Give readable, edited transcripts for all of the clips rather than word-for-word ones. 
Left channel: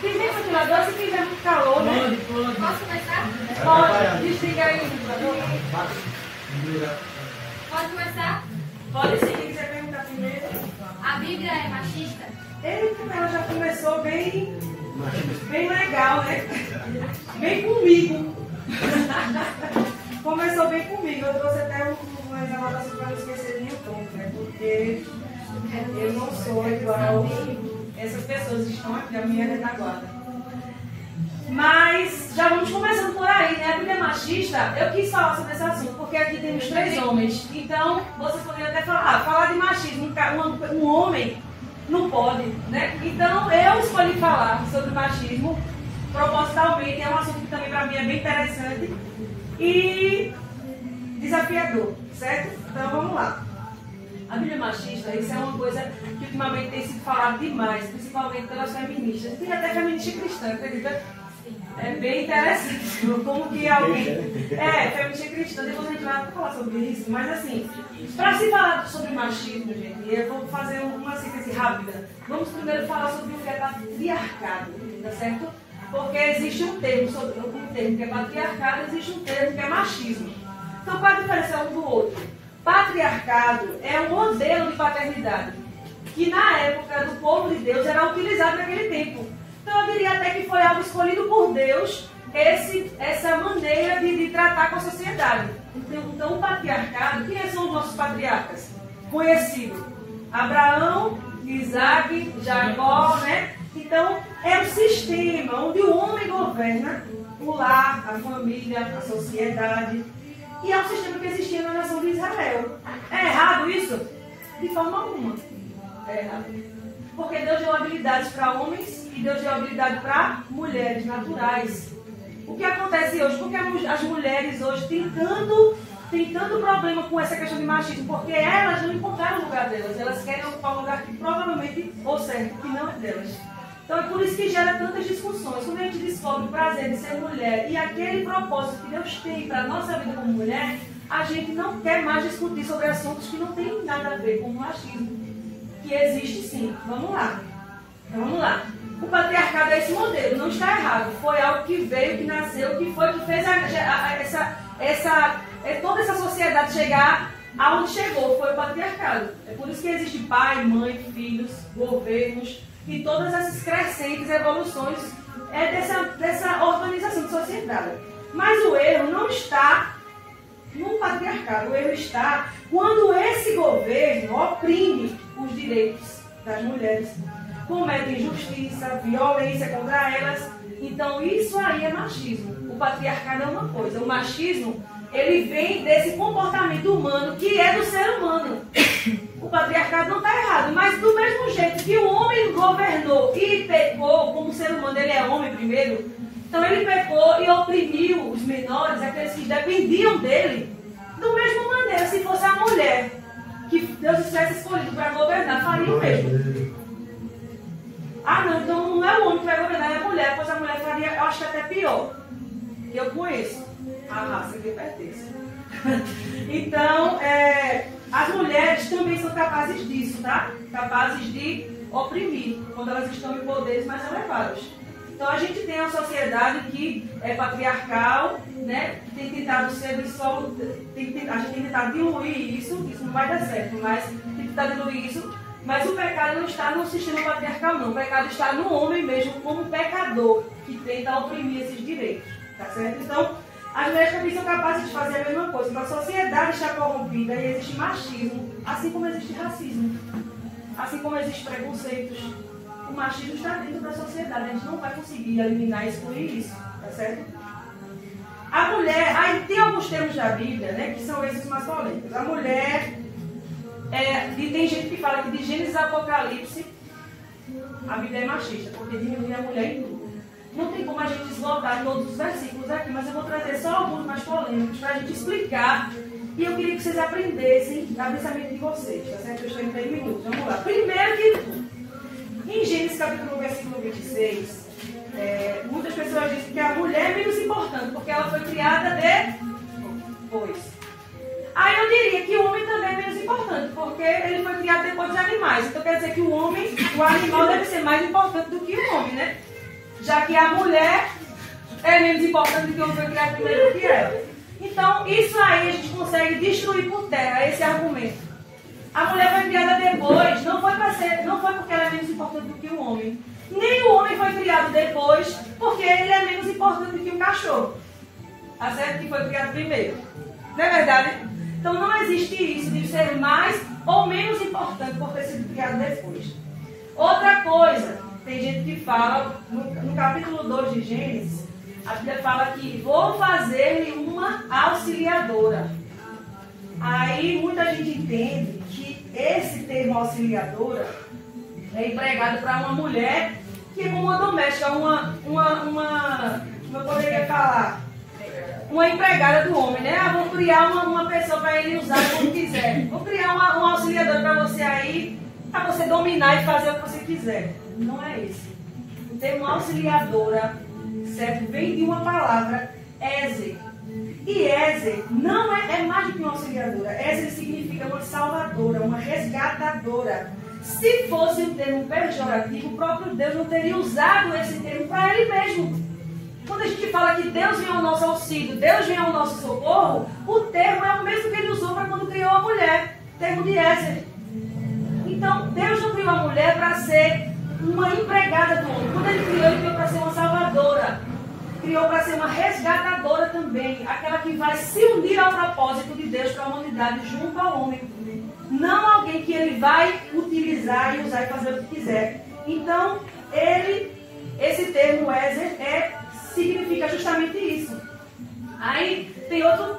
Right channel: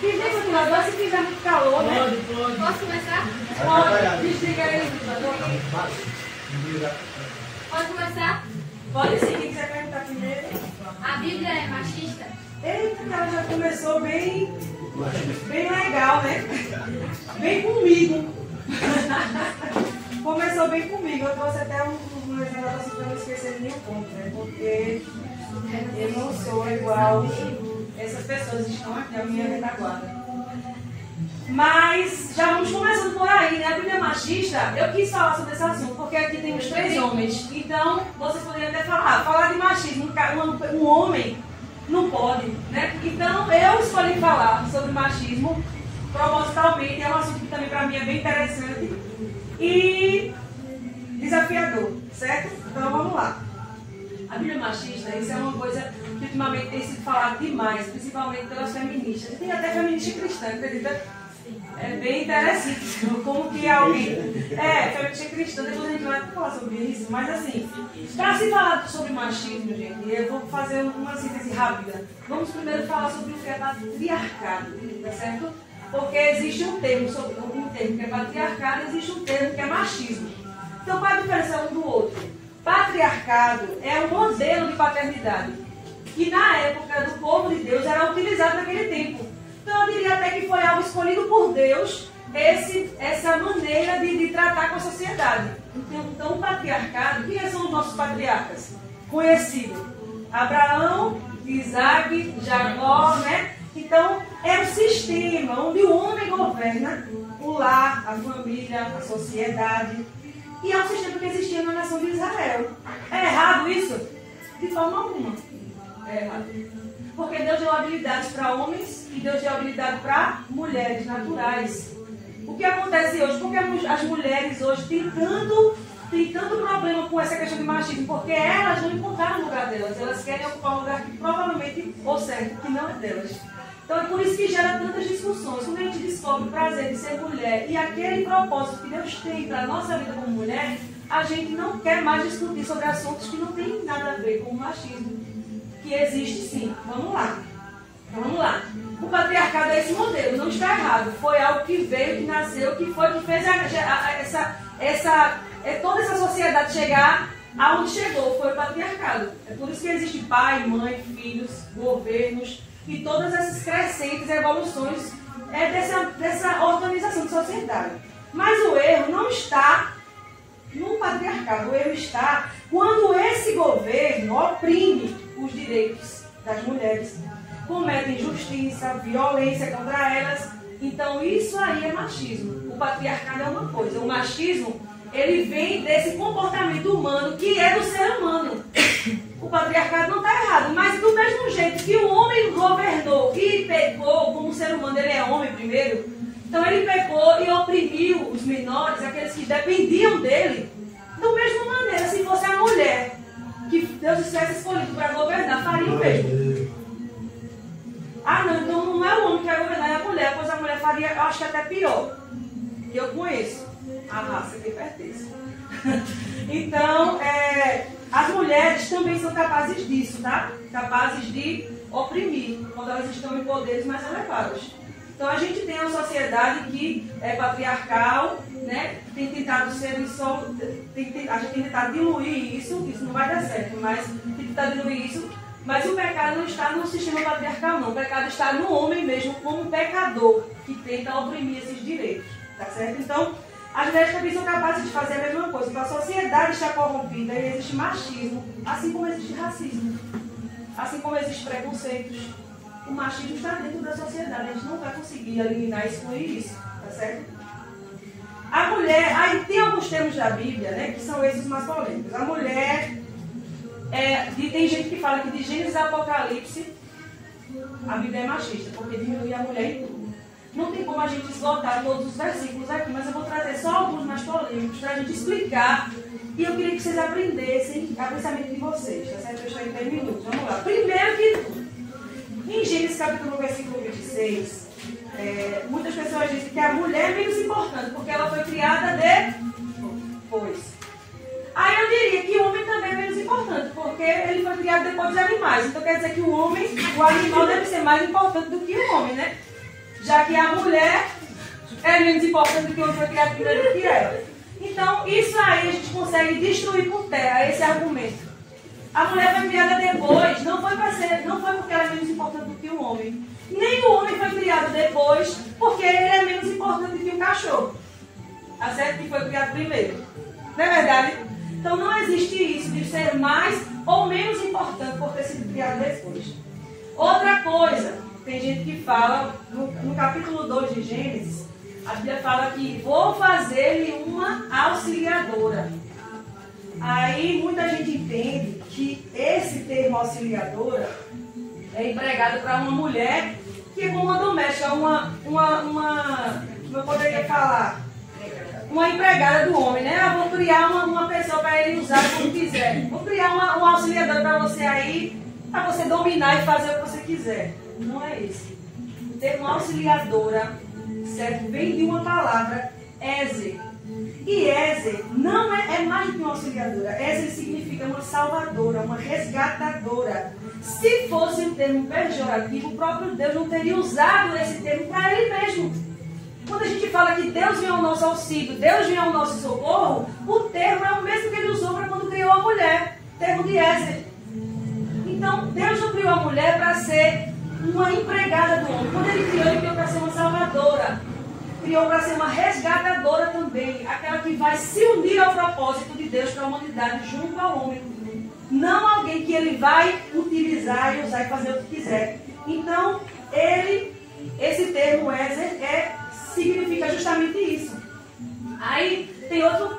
Tem ventilador se fizer muito calor, né? Pode. Posso começar? Pode. Desliga aí, ventilador. Pode começar? Pode sim, quem quiser perguntar primeiro. A Bíblia é machista? Eita, ela já começou bem legal, né? Bem comigo. Começou bem comigo. Eu trouxe até umas anotações para não esquecer de nenhum ponto, né? Porque eu não sou igual essas pessoas que estão aqui na minha retaguarda. Mas já vamos começando por aí, né? A Bíblia é machista, eu quis falar sobre esse assunto, porque aqui temos 3 homens. Então, vocês poderiam até falar de machismo, um homem não pode, né? Então, eu escolhi falar sobre machismo, propositalmente, é um assunto que também para mim é bem interessante e desafiador, certo? Então, vamos lá. A Bíblia machista, isso é uma coisa que ultimamente tem sido falado demais, principalmente pelas feministas. Tem até feminista cristã, acredita? É bem interessante como que alguém... feminista cristã, depois a gente vai falar sobre isso, mas assim, para se falar sobre machismo, gente, eu vou fazer uma síntese rápida. Vamos primeiro falar sobre o que é patriarcado, tá certo? Porque existe um termo que é patriarcado, existe um termo que é machismo. Então, qual é a diferença um do outro? Patriarcado é um modelo de paternidade que na época do povo de Deus era utilizado naquele tempo. Então eu diria até que foi algo escolhido por Deus, essa maneira de tratar com a sociedade. Então o patriarcado, quem são os nossos patriarcas? Conhecidos: Abraão, Isaac, Jacó, né? Então é um sistema onde o homem governa o lar, a família, a sociedade. E é um sistema que existia na nação de Israel. É errado isso? De forma alguma. É errado. Porque Deus deu habilidades para homens e Deus deu habilidade para mulheres naturais. O que acontece hoje? Porque as mulheres hoje têm tanto problema com essa questão de machismo, porque elas não encontraram o lugar delas. Elas querem ocupar um lugar que provavelmente, ou certo, que não é delas. Então é por isso que gera tantas discussões. Quando a gente descobre o prazer de ser mulher e aquele propósito que Deus tem para a nossa vida como mulher, a gente não quer mais discutir sobre assuntos que não têm nada a ver com o machismo. Que existe sim. Vamos lá. O patriarcado é esse modelo, não está errado. Foi algo que veio, que nasceu, que fez toda essa sociedade chegar aonde chegou. Foi o patriarcado. É por isso que existe pai, mãe, filhos, governos e todas essas crescentes evoluções dessa organização de sociedade. Mas o erro não está no patriarcado, o erro está quando esse governo oprime os direitos das mulheres, comete injustiça, violência contra elas. Então isso aí é machismo. O patriarcado é uma coisa, o machismo ele vem desse comportamento humano que é do ser humano. O patriarcado não está errado, mas do mesmo jeito que o homem governou e pecou, como ser humano ele é homem primeiro, então ele pecou e oprimiu os menores, aqueles que dependiam dele. Da mesma maneira, se fosse a mulher que Deus tivesse escolhido para governar, faria o mesmo. Ah não, então não é o homem que vai governar, é a mulher, pois a mulher faria, eu acho que até pior. Eu conheço a raça que pertence. Então, as mulheres também são capazes disso, tá? Capazes de oprimir, quando elas estão em poderes mais elevados. Então, a gente tem uma sociedade que é patriarcal, né? Tem tentado ser só... a gente tem tentado diluir isso não vai dar certo, mas tem tentado diluir isso. Mas o pecado não está no sistema patriarcal, não. O pecado está no homem mesmo, como pecador, que tenta oprimir esses direitos, tá certo? Então, as mulheres também são capazes de fazer a mesma coisa. Então, a sociedade está corrompida e existe machismo, assim como existe racismo, assim como existem preconceitos. O machismo está dentro da sociedade, a gente não vai conseguir eliminar e excluir isso, tá certo? A mulher, aí tem alguns termos da Bíblia, né, que são esses mais polêmicos. A mulher, tem gente que fala que de Gênesis a Apocalipse, a Bíblia é machista, porque diminui a mulher em tudo. Não tem como a gente esgotar todos os versículos aqui, mas eu vou trazer só alguns mais polêmicos para a gente explicar. E eu queria que vocês aprendessem a pensamento de vocês, tá certo? Eu estou em 3 minutos. Vamos lá. Primeiro que tudo, em Gênesis capítulo 1, versículo 26, muitas pessoas dizem que a mulher é menos importante, porque ela foi criada depois. Aí eu diria que o homem também é menos importante, porque ele foi criado depois dos animais. Então quer dizer que o homem, o animal deve ser mais importante do que o homem, né? Já que a mulher é menos importante do que o homem foi criado primeiro do que ela. Então isso aí a gente consegue destruir por terra, esse argumento. A mulher foi criada depois, não foi porque ela é menos importante do que o homem. Nem o homem foi criado depois, porque ele é menos importante do que o cachorro. Tá certo? Que foi criado primeiro. Não é verdade? Então não existe isso de ser mais ou menos importante por ter sido criado depois. Outra coisa, tem gente que fala, no capítulo 2 de Gênesis, a Bíblia fala que vou fazer-lhe uma auxiliadora. Aí muita gente entende que esse termo auxiliadora é empregado para uma mulher que é como uma doméstica, como eu poderia falar, uma empregada do homem, né? Eu vou criar uma pessoa para ele usar como quiser. Vou criar uma auxiliadora para você aí, para você dominar e fazer o que você quiser. Não é isso. O termo auxiliadora, certo? Vem de uma palavra, Ezer. E Ezer não é mais do que uma auxiliadora. Ezer significa uma salvadora, uma resgatadora. Se fosse um termo pejorativo, o próprio Deus não teria usado esse termo para ele mesmo. Quando a gente fala que Deus vem ao nosso auxílio, Deus vem ao nosso socorro, o termo é o mesmo que ele usou para quando criou a mulher, o termo de Ezer. Então, Deus não criou a mulher para ser uma empregada do homem. Quando ele criou para ser uma salvadora. Criou para ser uma resgatadora também, aquela que vai se unir ao propósito de Deus para a humanidade junto ao homem. Não alguém que ele vai utilizar e usar e fazer o que quiser. Então, esse termo Ezer significa justamente isso. Aí tem outro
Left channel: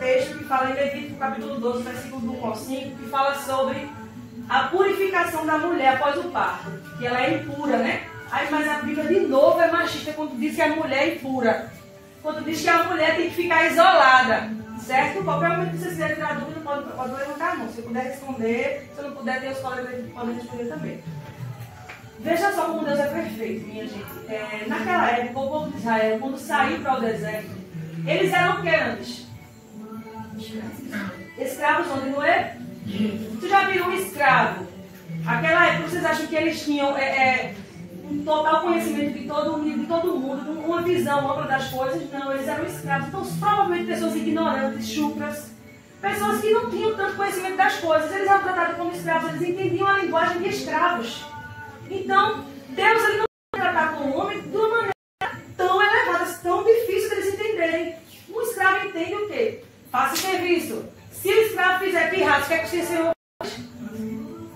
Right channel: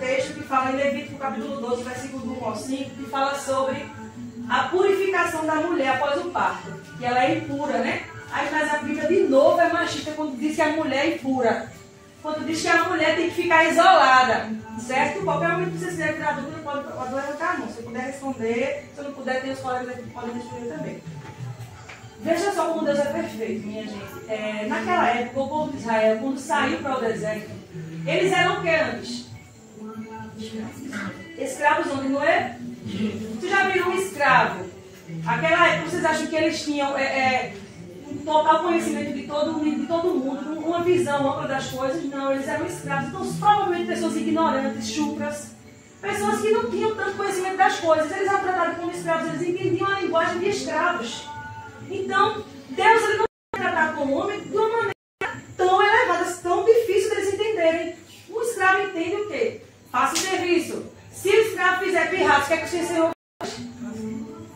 texto que fala em Levítico capítulo 12, versículo 1 ao 5, que fala sobre a purificação da mulher após o parto, que ela é impura, né? Aí, mas a Bíblia de novo é machista quando diz que a mulher é impura. Quando diz que a mulher tem que ficar isolada, certo? Qualquer momento que você quiser tirar dúvida, pode levantar a mão. Se puder responder, se não puder, tem os colegas que podem responder também. Veja só como Deus é perfeito, minha gente. Naquela época, o povo de Israel, quando saiu para o deserto, eles eram o que antes? Escravos onde não é? Tu já viu um escravo? Aquela época, vocês acham que eles tinham um total conhecimento de todo mundo, uma visão ampla das coisas? Não, eles eram escravos. Então, provavelmente pessoas ignorantes, chucras, pessoas que não tinham tanto conhecimento das coisas. Eles eram tratados como escravos, eles entendiam a linguagem de escravos. Então, Deus ele não vai tratar com o homem de uma maneira tão elevada, tão difícil de eles entenderem. Um escravo entende o quê? Faça o serviço. Se o escravo fizer pirraça, o que é que o Senhor faz?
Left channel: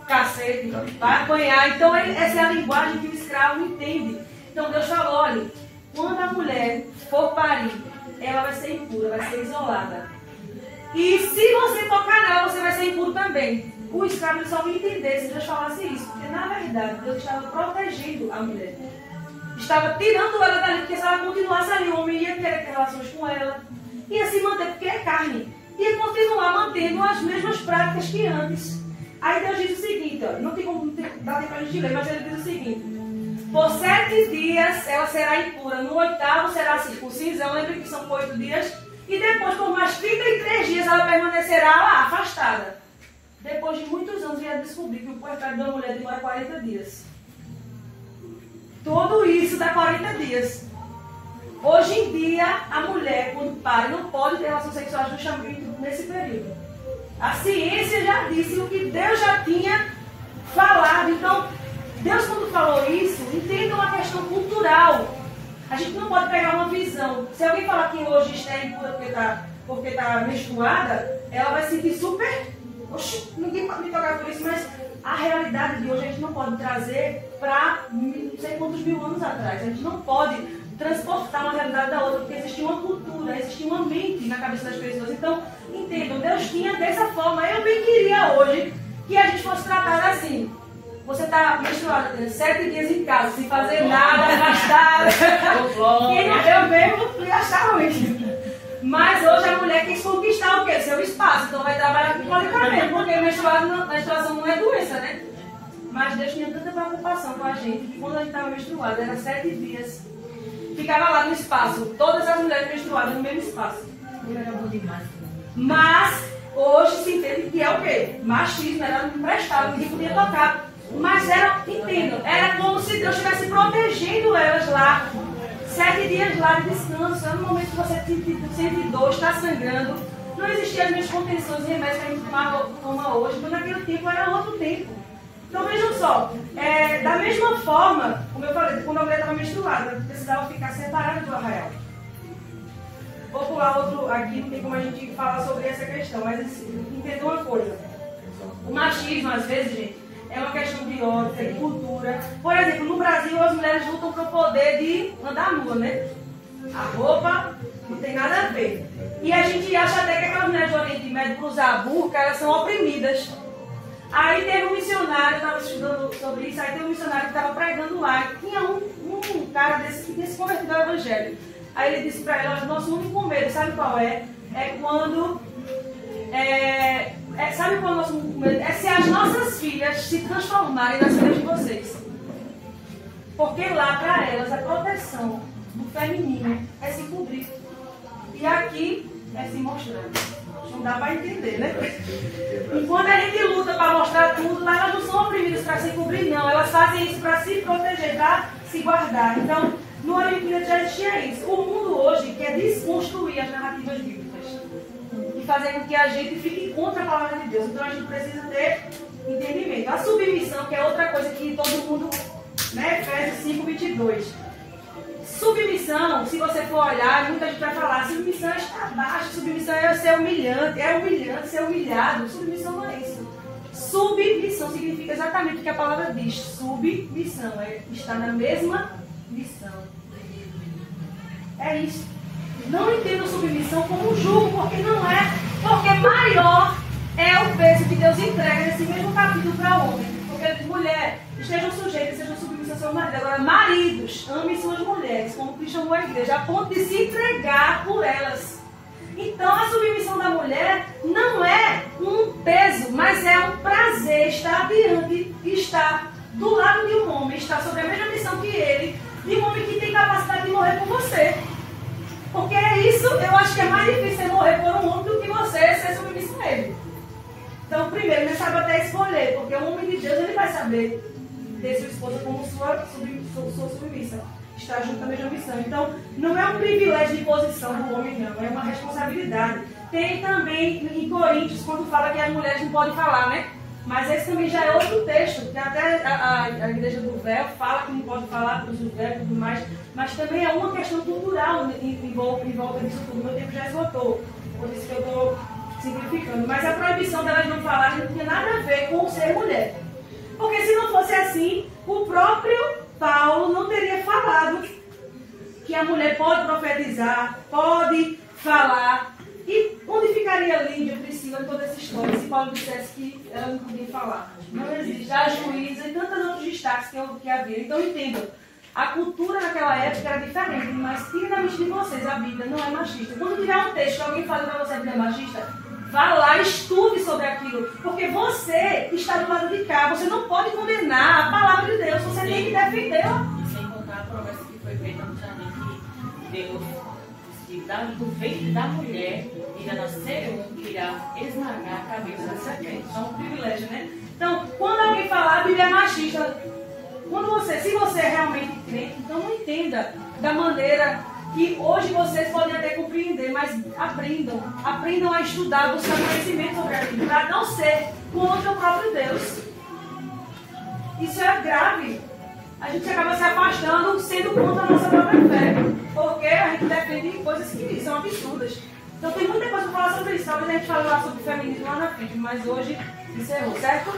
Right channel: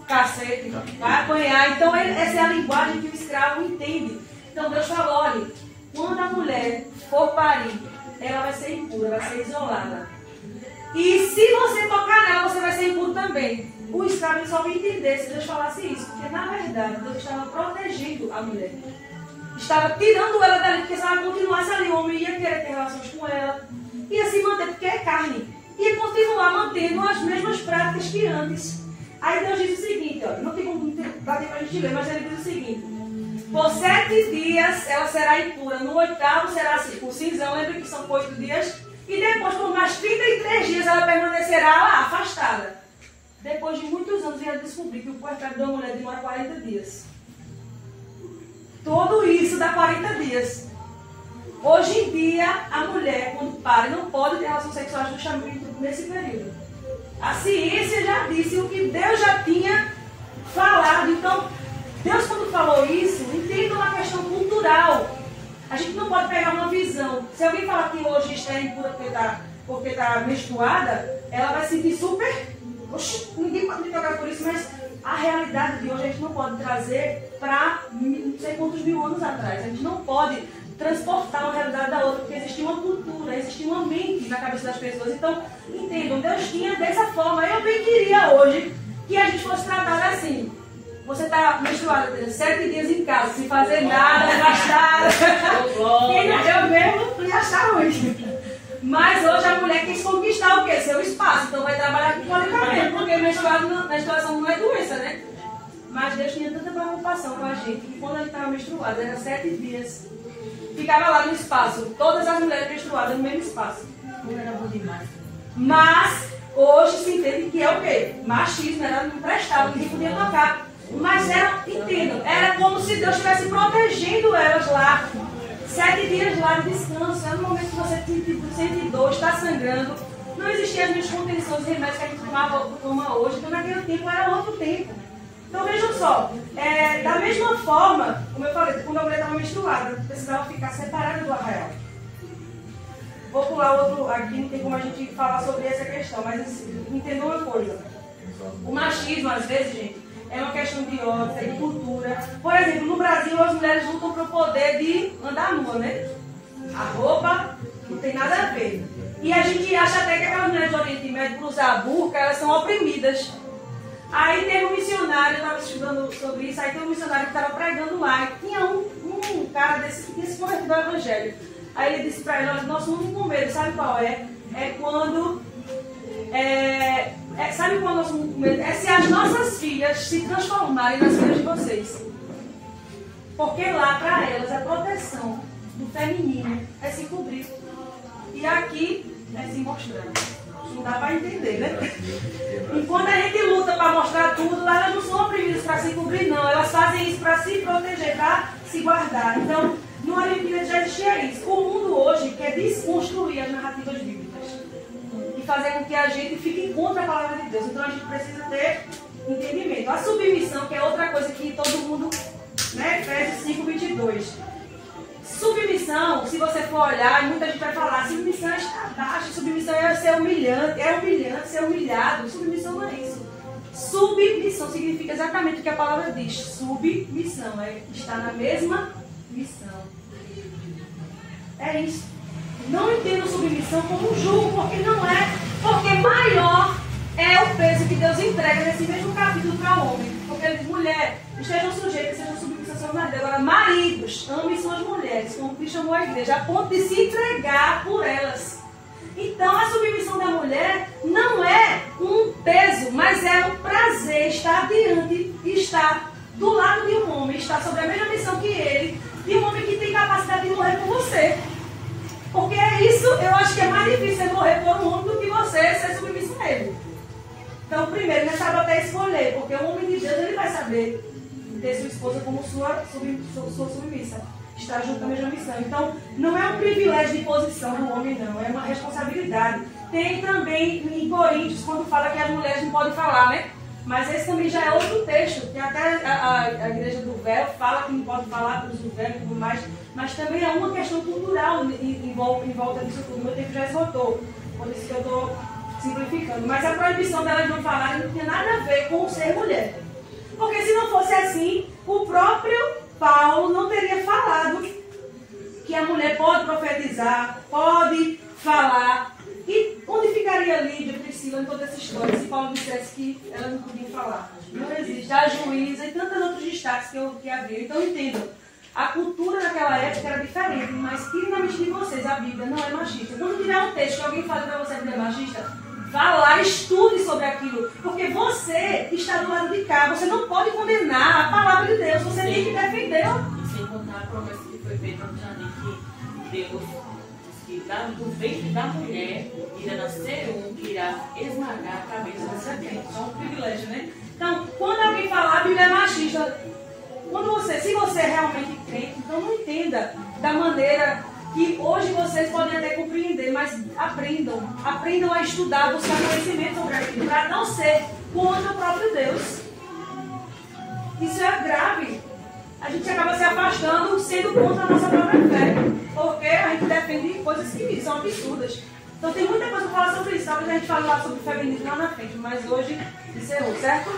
Cacete, vai apanhar. Então, essa é a linguagem que o escravo entende. Então, Deus falou, olha, quando a mulher for parir, ela vai ser impura, vai ser isolada. E se você tocar nela, você vai ser impuro também. O escravo só vai entender se Deus falasse isso, porque na verdade Deus estava protegendo a mulher. Estava tirando ela dali, porque se ela continuasse ali, o homem ia querer ter relações com ela, ia se manter, porque é carne, ia continuar mantendo as mesmas práticas que antes. Aí Deus diz o seguinte, ó, não tem como dar tempo para a gente ler, mas ele diz o seguinte: por 7 dias ela será impura, no 8º será circuncisão, lembra que são 8 dias, e depois por mais 33 dias ela permanecerá lá, afastada. Depois de muitos anos, ia descobrir que o puerpério da mulher demora 40 dias. Tudo isso dá 40 dias. Hoje em dia, a mulher, quando pare, não pode ter relações sexuais justamente nesse período. A ciência já disse o que Deus já tinha falado. Então, Deus, quando falou isso, entenda uma questão cultural. A gente não pode pegar uma visão. Se alguém falar que hoje está impura porque está menstruada, ela vai se sentir super... Oxi, ninguém pode me tocar por isso, mas a realidade de hoje a gente não pode trazer para não sei quantos mil anos atrás. A gente não pode transportar uma realidade da outra, porque existia uma cultura, existia uma mente na cabeça das pessoas. Então, entendam, Deus tinha dessa forma. Eu bem queria hoje que a gente fosse tratada assim. Você está menstruada, 7 dias em casa, sem fazer nada, afastada. Eu mesmo ia achar hoje. Mas hoje a mulher quis conquistar o quê? Seu espaço. Então vai trabalhar com qualificamento, porque menstruação não é doença, né? Mas Deus tinha tanta preocupação com a gente que quando a gente estava menstruada, era 7 dias. Ficava lá no espaço, todas as mulheres menstruadas no mesmo espaço. Não era bom demais. Mas hoje se entende que é o quê? Machismo, ela não prestava, ninguém podia tocar. Mas era, entendam, era como se Deus estivesse protegendo elas lá. 7 dias lá de descanso, é no momento que você sente dor, está sangrando. Não existiam as mesmas contenções e remédios que a gente toma hoje, então naquele tempo era outro tempo. Então vejam só, da mesma forma, como eu falei, quando a mulher estava menstruada, precisava ficar separada do arraial. Vou pular outro aqui, não tem como a gente falar sobre essa questão, mas entenda uma coisa. O machismo, às vezes, gente, é uma questão de ódio, de cultura. Por exemplo, no Brasil, as mulheres lutam pelo poder de andar nua, né? A roupa não tem nada a ver. E a gente acha até que aquelas mulheres do Oriente Médio, por usar a burca, elas são oprimidas. Aí teve um missionário, eu estava estudando sobre isso, aí tem um missionário que estava pregando lá, e tinha um cara desse que tinha se convertido ao Evangelho. Aí ele disse para ela, nosso único medo, sabe qual é? É quando... sabe qual é o nosso único medo? É se as nossas filhas se transformarem nas filhas de vocês. Porque lá, para elas, a proteção do feminino é se cobrir. E aqui é se mostrar. Não dá para entender, né? Enquanto a gente luta para mostrar tudo, lá elas não são oprimidas para se cobrir, não. Elas fazem isso para se proteger, para se guardar. Então, no Oriente Médio já existia isso. O mundo hoje quer desconstruir as narrativas bíblicas e fazer com que a gente fique contra a palavra de Deus. Então, a gente precisa ter entendimento. A submissão, que é outra coisa que todo mundo, né? Efésios 5:22. Submissão, se você for olhar, muita gente vai falar, submissão está abaixo, submissão é ser humilhante, ser humilhado. Submissão não é isso. Submissão significa exatamente o que a palavra diz. Submissão é estar na mesma missão. É isso. Não entendo submissão como um jugo, porque não é. Porque maior é o peso que Deus entrega nesse mesmo capítulo para o homem. Porque ele diz, mulher, estejam sujeitas, sejam submissas ao seu marido. Agora, maridos, amem suas mulheres, como Cristo amou a igreja, a ponto de se entregar por elas. Então, a submissão da mulher não é um peso, mas é um prazer estar diante, estar do lado de um homem, estar sobre a mesma missão que ele, de um homem que tem capacidade de morrer por você. Porque é isso, eu acho que é mais difícil morrer por um homem do que você ser submisso a ele. Então, primeiro, ele sabe até escolher, porque o homem de Deus, ele vai saber ter sua esposa como sua submissa, estar junto à mesma missão. Então, não é um privilégio de posição do homem, não, é uma responsabilidade. Tem também em Coríntios, quando fala que as mulheres não podem falar, né? Mas esse também já é outro texto, que até a igreja do véu fala que não pode falar para os véus e tudo mais, mas também é uma questão cultural em volta disso tudo. Meu tempo já esgotou, por isso que eu estou simplificando. Mas a proibição delas não falarem não tinha nada a ver com ser mulher. Porque se não fosse assim, o próprio Paulo não teria falado que a mulher pode profetizar, pode falar. E onde ficaria Lídia, Priscila, em toda essa história, se Paulo dissesse que ela não podia falar? Não existe. A juíza e tantos outros destaques que havia. Então entendam, a cultura naquela época era diferente, mas tire da mente de vocês, a Bíblia não é machista. Quando tiver um texto que alguém fale para você que é machista, vá lá, estude sobre aquilo, porque você está do lado de cá, você não pode condenar a palavra de Deus, você tem que defendê-la. Sem contar a promessa que foi feita no jardim, que Deus disse que do ventre da mulher irá nascer um que irá esmagar a cabeça da serpente. É um privilégio, né? Então, quando alguém falar, a Bíblia é machista, se você é realmente crente, então não entenda da maneira que hoje vocês podem até compreender, mas aprendam a estudar, buscar conhecimento sobre aquilo, para não ser contra o próprio Deus. Isso é grave. A gente acaba se afastando, sendo contra a nossa própria fé, porque a gente defende coisas que são absurdas. Então tem muita coisa para falar sobre isso, talvez a gente fale lá sobre o feminismo lá na frente, mas hoje encerrou, certo?